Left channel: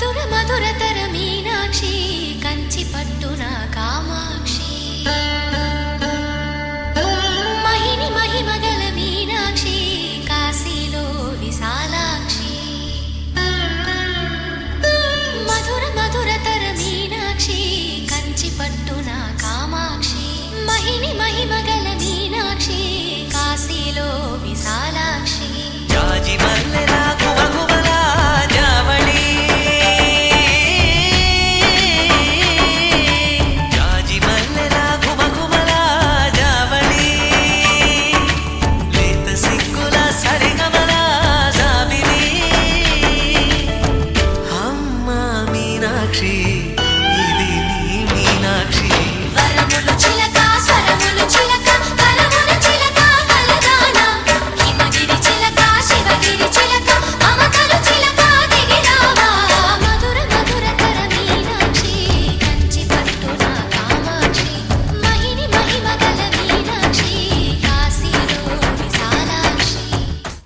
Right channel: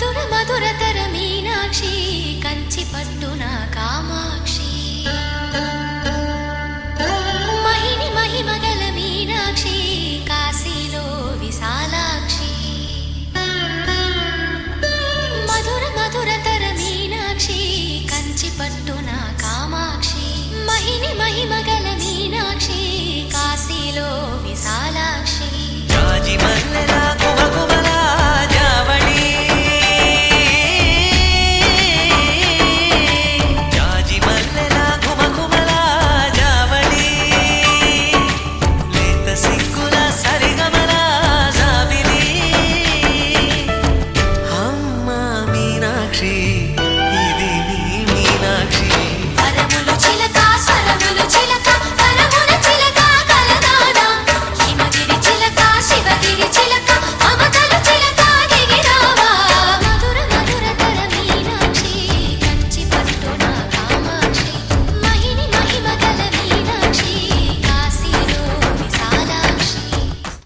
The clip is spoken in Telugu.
మధుర మధురతర మీనాక్షి కంచి పట్టున కామాక్షి మహిని మహిమగల మీనాక్షి కాశీలో విశాలాక్షి మధుర మధురతర మీనాక్షి కంచి పట్టున కామాక్షి మహిని మహిమగల మీనాక్షి కాశీలో విశాలాక్షి జాజి మల్లెలా గుమగుమలా జావళి జాజి మల్లెలా గుమగుమలా జావళి లేత సిగ్గుల సరిగమల జాబిలి అమ్మ మీనాక్షి ఇది నీ మీనాక్షి